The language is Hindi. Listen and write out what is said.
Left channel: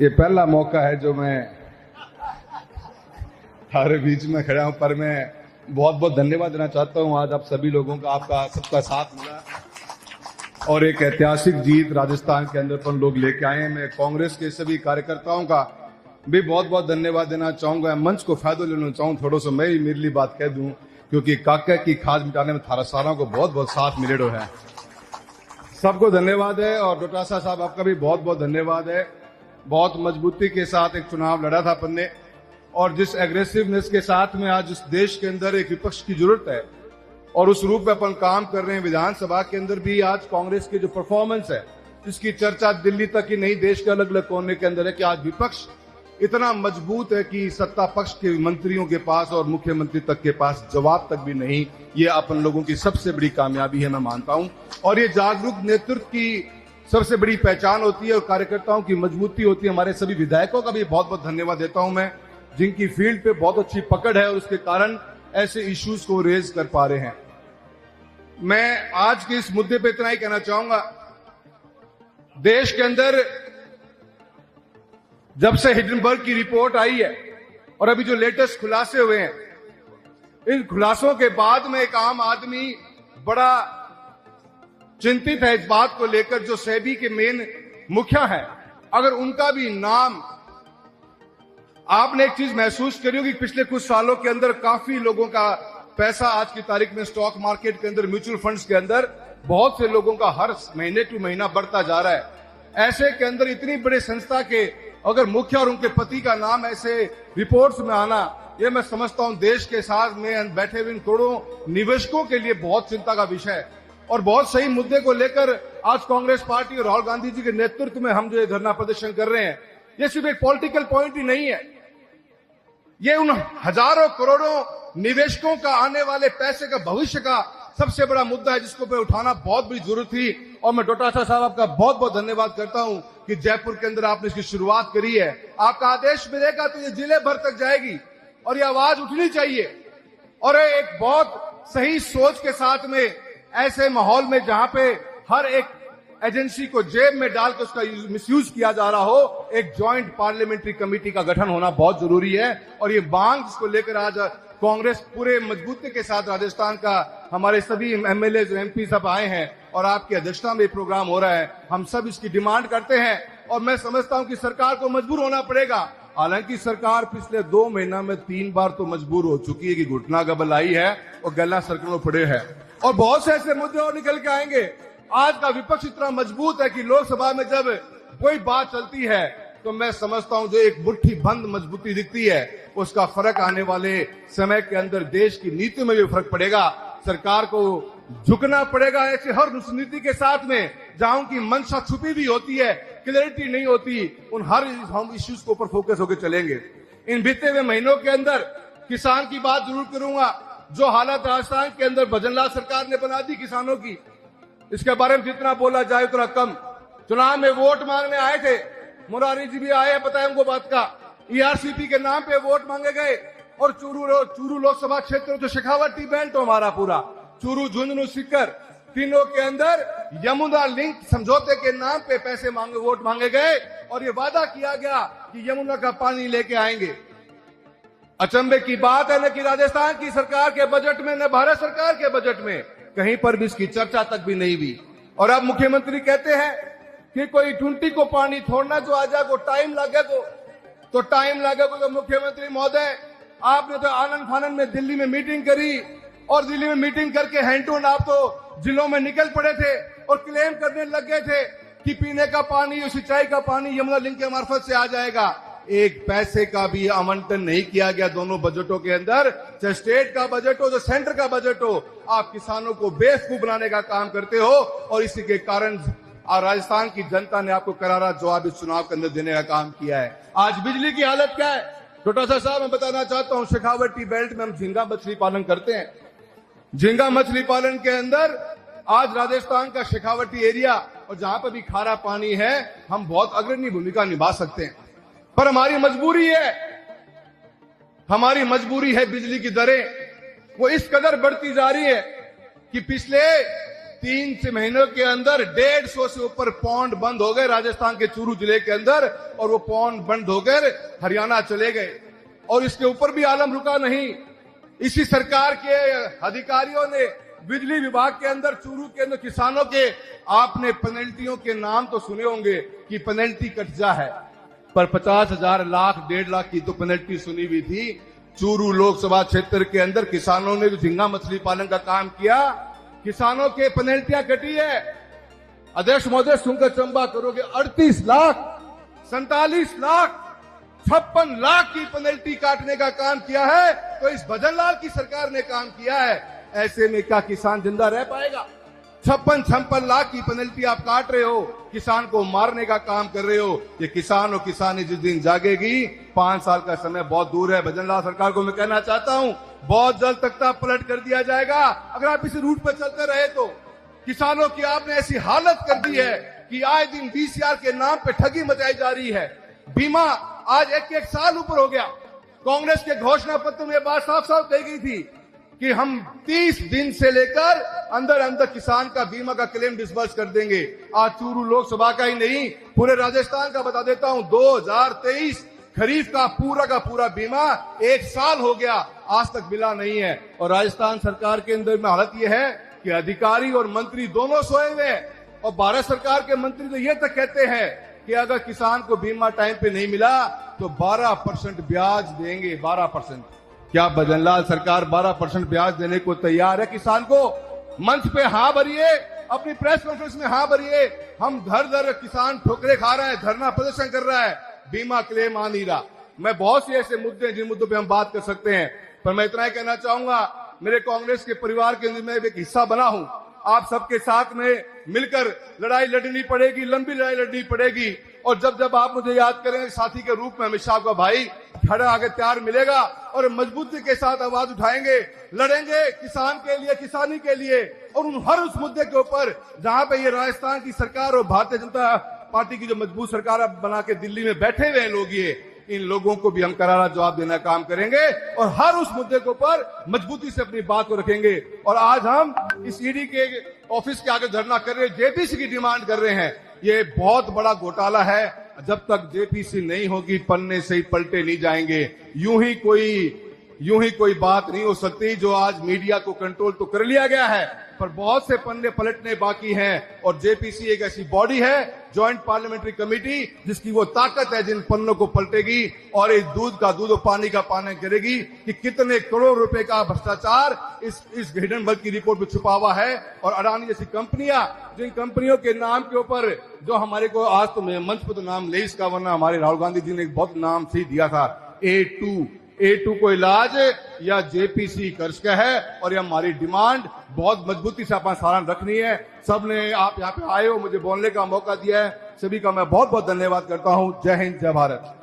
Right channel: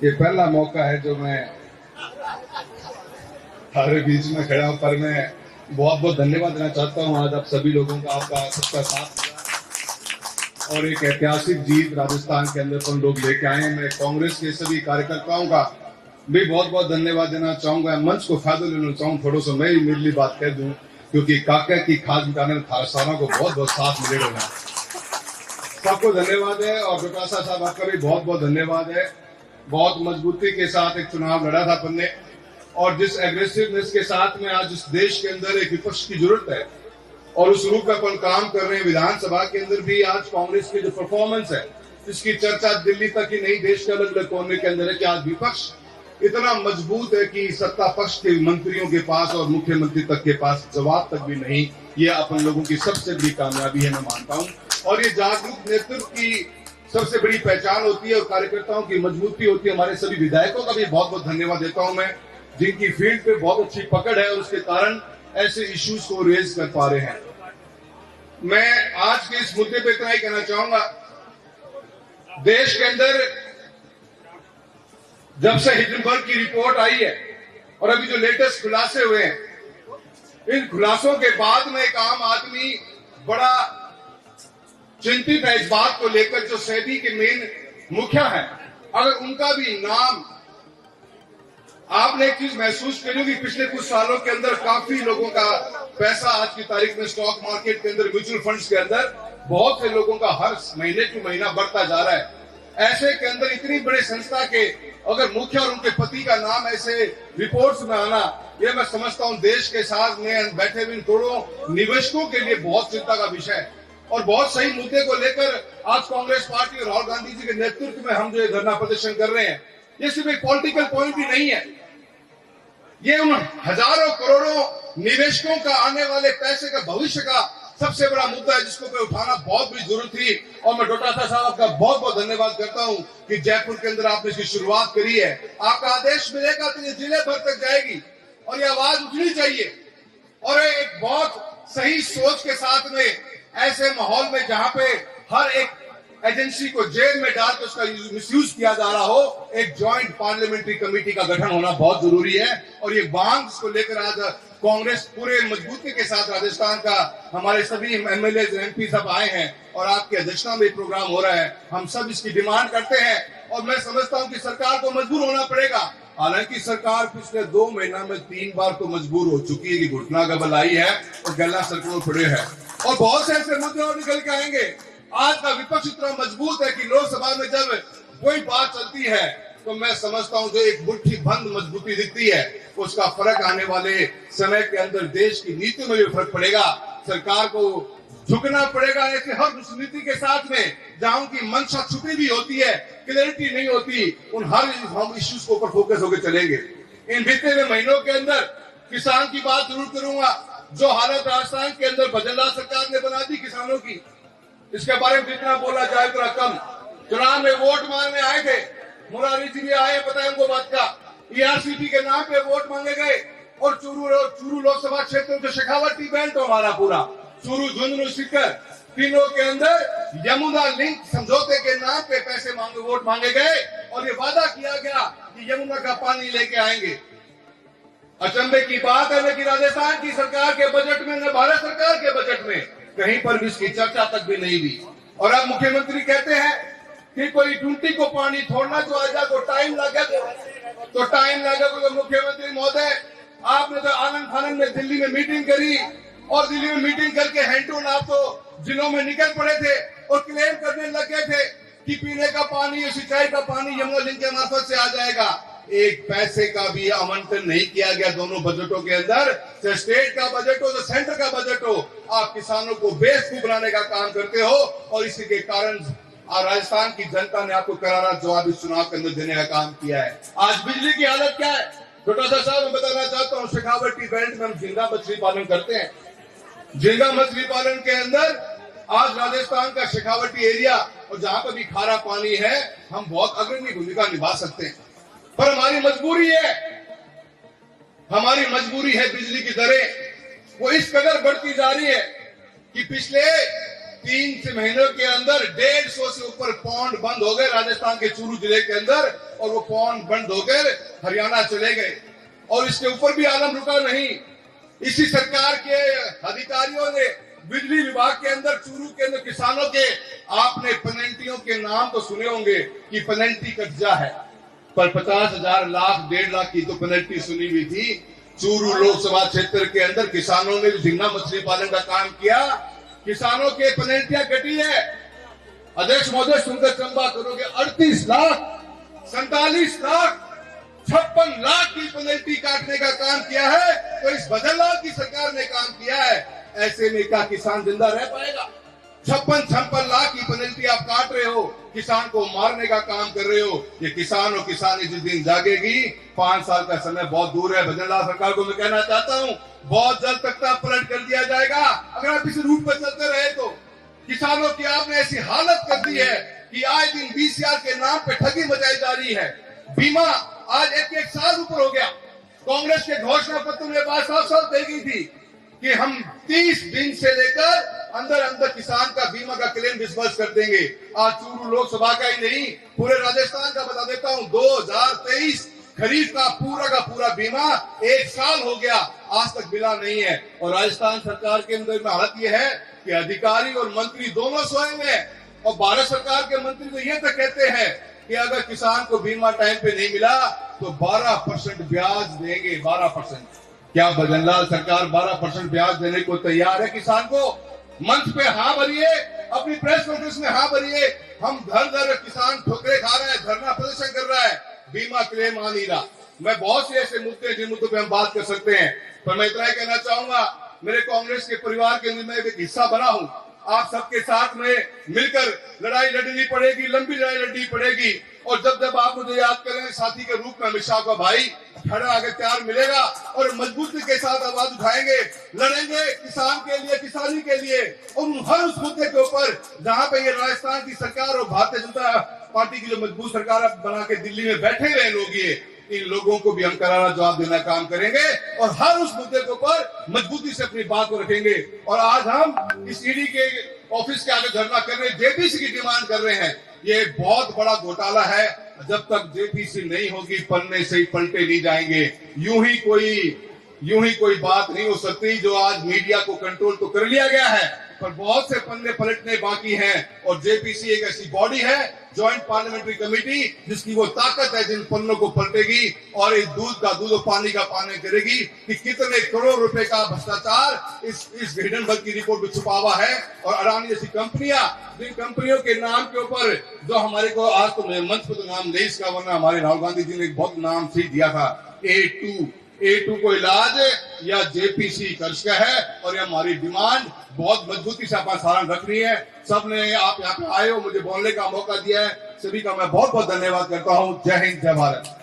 ये पहला मौका है जो मैं हमारे बीच में खड़ा हूं, पर मैं बहुत बहुत धन्यवाद देना चाहता हूं। आज आप सभी लोगों का, आपका सबका साथ मिला और एक ऐतिहासिक जीत राजस्थान के अंदर पर लोग लेके आए हैं। मैं कांग्रेस के सभी कार्यकर्ताओं का भी बहुत बहुत धन्यवाद देना चाहूंगा। मंच को फायदा लेना चाहूँ, थोड़ा सा मैं ही मेरी बात कह दूं, क्योंकि काका की खास बिटाने थारसाना को बहुत बहुत साथ मिले है। सबको धन्यवाद है और प्रकाशा साहब आपका भी बहुत बहुत धन्यवाद है। बहुत मजबूती के साथ एक चुनाव लड़ा था अपन ने, और जिस एग्रेसिवनेस के साथ में आज इस देश के अंदर एक विपक्ष की जरूरत है और उस रूप में अपन काम कर रहे हैं। विधानसभा के अंदर भी आज कांग्रेस की जो परफॉर्मेंस है, जिसकी चर्चा दिल्ली तक ही नहीं, देश के अलग अलग कोने के अंदर है कि आज विपक्ष इतना मजबूत है कि सत्ता पक्ष के मंत्रियों के पास और मुख्यमंत्री तक के पास जवाब तक भी नहीं। ये अपन लोगों की सबसे बड़ी कामयाबी है, मैं मानता हूं, और ये जागरूक नेतृत्व की सबसे बड़ी पहचान होती है और कार्यकर्ताओं की मजबूती होती है। हमारे सभी विधायकों का भी बहुत बहुत धन्यवाद देता हूं मैं, जिनकी फील्ड पे बहुत अच्छी पकड़ है और उसके कारण ऐसे इश्यूज को रेज कर पा रहे हैं। मैं आज के इस मुद्दे पे इतना ही कहना चाहूंगा, देश के अंदर जब से हिडनबर्ग की रिपोर्ट आई है और अभी जो लेटेस्ट खुलासे हुए हैं, इन खुलासों के बाद में एक आम आदमी बड़ा चिंतित है इस बात को लेकर, जो सेबी के मेन मुखिया है, अगर उनका भी नाम, आपने एक चीज महसूस करी होगी, पिछले कुछ सालों के अंदर काफी लोगों का पैसा आज की तारीख में स्टॉक मार्केट के अंदर, म्यूचुअल फंड्स के अंदर बहुत से लोगों का हर महीने टू महीना बढ़ता जा रहा है। ऐसे के अंदर इतनी बड़ी संस्था के अगर मुखिया और उनके पति का नाम ऐसे रिपोर्ट्स में आना, ये मैं समझता हूं देश के साथ में बैठे हुए करोड़ों निवेशकों के लिए बहुत चिंता का विषय है। और बहुत सही मुद्दे को लेकर आज कांग्रेस पार्टी और राहुल गांधी जी के नेतृत्व में हम जो धरना प्रदर्शन कर रहे हैं, ये सिर्फ एक पॉलिटिकल पॉइंट भी नहीं है, ये उन हजारों करोड़ों निवेशकों का आने वाले पैसे का, भविष्य का सबसे बड़ा मुद्दा है, जिसको पे उठाना बहुत भी जरूरत थी। और मैं डोटासरा साहब का बहुत बहुत धन्यवाद करता हूं कि जयपुर के अंदर आपने इसकी शुरुआत करी है। आपका आदेश मिलेगा तो ये जिले भर तक जाएगी और ये आवाज उठनी चाहिए। और एक बहुत सही सोच के साथ में ऐसे माहौल में जहां पे हर एक एजेंसी को जेल में डालकर उसका मिसयूज किया जा रहा हो, एक ज्वाइंट पार्लियामेंट्री कमेटी का गठन होना बहुत जरूरी है। और ये मांग को लेकर आज कांग्रेस पूरे मजबूती के साथ राजस्थान का हमारे सभी एमएलए एमपी सब आए हैं और आपकी अध्यक्षता में प्रोग्राम हो रहा है। हम सब इसकी डिमांड करते हैं और मैं समझता हूं कि सरकार को मजबूर होना पड़ेगा। हालांकि सरकार पिछले 2 महीना में 3 बार तो मजबूर हो चुकी है कि घुटना गबल आई है और गला सड़कों पड़े हैं और बहुत से ऐसे मुद्दे और निकल के आएंगे। आज का विपक्ष इतना मजबूत है कि लोकसभा में जब कोई बात चलती है तो मैं समझता हूं जो एक मुट्ठी बंद मजबूती दिखती है, उसका फर्क आने वाले समय के अंदर देश की नीति में भी फर्क पड़ेगा। सरकार को झुकना पड़ेगा ऐसे हर उस नीति के साथ में जहां उनकी मंशा छुपी भी होती है, क्लैरिटी नहीं होती, उन हर हम इश्यूज के ऊपर फोकस होकर चलेंगे। इन बीते हुए महीनों के अंदर किसान की बात जरूर करूंगा। जो हालत राजस्थान के अंदर भजनलाल सरकार ने बना दी किसानों की, इसके बारे में जितना बोला जाए उतना कम। चुनाव में वोट मांगने आए थे, मुरारी जी भी आए, बताए उनको बात का, ईआरसीटी के नाम पे वोट मांगे गए और चूरू लोकसभा क्षेत्र जो शेखावटी बेल्ट हमारा पूरा चूरू, झुंझुनू, सीकर, तीनों के अंदर यमुना लिंक समझौते के नाम पे पैसे मांगे, वोट मांगे गए और ये वादा किया गया कि यमुना का पानी लेके आएंगे। अचंभे की बात है कि राजस्थान की सरकार के बजट में, न भारत सरकार के बजट में कहीं पर भी इसकी चर्चा तक भी नहीं हुई। और अब मुख्यमंत्री कहते हैं कि कोई टूंटी को पानी छोड़ना जो आ जाए को टाइम लगे, तो टाइम लगे। तो मुख्यमंत्री महोदय, आपने तो आनंद फानंद में दिल्ली में मीटिंग करी और दिल्ली में मीटिंग करके हैंडटून आप तो जिलों में निकल पड़े थे और क्लेम करने लग गए थे कि पीने का पानी, सिंचाई का पानी यमुना लिंक के मार्फत से आ जाएगा। एक पैसे का भी आवंटन नहीं किया गया दोनों बजटों के अंदर, चाहे स्टेट का बजट हो, जो सेंटर का बजट हो। आप किसानों को बेवकूफ बनाने का काम करते हो और इसी के कारण राजस्थान की जनता ने आपको करारा जवाब इस चुनाव के अंदर देने का काम किया है। आज बिजली की हालत क्या है, डोटासरा साहब मैं बताना चाहता हूँ, शेखावटी बेल्ट में हम झींगा मछली पालन करते हैं। झींगा मछली पालन के अंदर आज राजस्थान का शेखावटी एरिया और जहां पर भी खारा पानी है, हम बहुत अग्रणी भूमिका निभा सकते हैं। पर हमारी मजबूरी है बिजली की दरें वो इस कदर बढ़ती जा रही है कि पिछले 3 महीनों के अंदर 150 से ऊपर पौंड बंद हो गए राजस्थान के चूरू जिले के अंदर, और वो पौंड बंद होकर हरियाणा चले गए। और इसके ऊपर भी आलम रुका नहीं। इसी सरकार के अधिकारियों ने बिजली विभाग के अंदर चूरू के अंदर किसानों के, आपने पेनल्टियों के नाम तो सुने होंगे कि पेनल्टी कब्जा है, पर 50,000 लाख 1.5 लाख की तो पेनल्टी सुनी हुई थी। चूरू लोकसभा क्षेत्र के अंदर किसानों ने झींगा मछली पालन का काम किया, किसानों के पेनल्टियां घटी है। अध्यक्ष महोदय सुनकर चंबा करोगे, 38 लाख 47 लाख 56 लाख की पेनल्टी काटने का काम किया है, तो इस भजनलाल की सरकार ने काम किया है। ऐसे में क्या किसान जिंदा रह पाएगा? 56 लाख की पेनल्टी आप काट रहे हो, किसान को मारने का काम कर रहे हो। ये किसान और किसानी जिस दिन जागेगी, 5 साल का समय बहुत दूर है। भजनलाल सरकार को मैं कहना चाहता हूं, बहुत जल्द तख्ता पलट कर दिया जाएगा अगर आप इस रूट में चलते रहे तो। किसानों की आपने ऐसी हालत कर दी है कि आज दिन 20,000 के नाम पे ठगी बजाई जा रही है। बीमा आज एक साल ऊपर हो गया। कांग्रेस के घोषणा पत्र में बात साफ दे गई थी कि हम 30 दिन से लेकर अंदर किसान का बीमा का क्लेम डिस्बर्स कर देंगे। आज चूरू लोकसभा का ही नहीं, पूरे राजस्थान का बता देता हूं, 2023 खरीफ का पूरा बीमा 1 साल हो गया, आज तक मिला नहीं है। और राजस्थान सरकार के अंदर में हालत यह है कि अधिकारी और मंत्री दोनों सोए हैं, और भारत सरकार के मंत्री तो ये तक कहते हैं कि अगर किसान को बीमा टाइम पे नहीं मिला तो 12% ब्याज देंगे। 12%। क्या भजनलाल सरकार 12% ब्याज देने को तैयार है किसान को? मंच पे हाँ भरिए, अपनी प्रेस कॉन्फ्रेंस में हाँ भरिए। हम घर किसान ठोकरे खा रहे हैं, धरना प्रदर्शन कर रहा है, बीमा क्लेम आ नहीं रहा। मैं बहुत से ऐसे मुद्दे जिन मुद्दों पे हम बात कर सकते हैं, पर मैं इतना ही कहना चाहूंगा, मेरे कांग्रेस के परिवार के अंदर मैं एक हिस्सा बना हूं। आप सबके साथ में मिलकर लड़ाई लड़नी पड़ेगी, लंबी लड़ाई लड़नी पड़ेगी। और जब आप मुझे याद करेंगे साथी के रूप में, अमित शाह का भाई खड़ा आगे प्यार मिलेगा और मजबूती के साथ आवाज उठाएंगे, लड़ेंगे किसान के लिए, किसानी के लिए, और हर उस मुद्दे के ऊपर जहां पे ये राजस्थान की सरकार और भारतीय जनता पार्टी की जो मजबूत सरकार बना के दिल्ली में बैठे हुए लोग, ये इन लोगों को भी हम करारा जवाब देना काम करेंगे और हर उस मुद्दे के ऊपर मजबूती से अपनी बात को रखेंगे। और आज हम इस ईडी के ऑफिस के आगे धरना कर रहे हैं, जेपीसी की डिमांड कर रहे हैं। ये बहुत बड़ा घोटाला है, जब तक जेपीसी नहीं होगी पन्ने से ही पलटे नहीं जाएंगे। यूं ही कोई बात नहीं हो सकती। जो आज मीडिया को कंट्रोल तो कर लिया गया है, पर बहुत से पन्ने पलटने बाकी हैं। और जेपीसी एक ऐसी बॉडी है, ज्वाइंट पार्लियामेंट्री कमेटी, जिसकी वो ताकत है जिन पन्नों को पलटेगी और इस दूध का दूध और पानी का पानी करेगी कि कितने करोड़ रुपए का भ्रष्टाचार इस हिडनबर्ग की रिपोर्ट में छुपा हुआ है। और अडानी जैसी कंपनियां, जिन कंपनियों के नाम के ऊपर जो हमारे को आज तो मंच पर तो नाम नहीं इसका, वरना हमारे राहुल गांधी जी ने एक बहुत नाम सही दिया था, A2 को इलाज या जेपीसी कर्ज का है। और ये हमारी डिमांड बहुत मजबूती से अपना सारण रखनी है। सबने आप यहाँ पे आए हो, मुझे बोलने का मौका दिया है, सभी का मैं बहुत बहुत धन्यवाद करता हूँ। जय हिंद, जय भारत।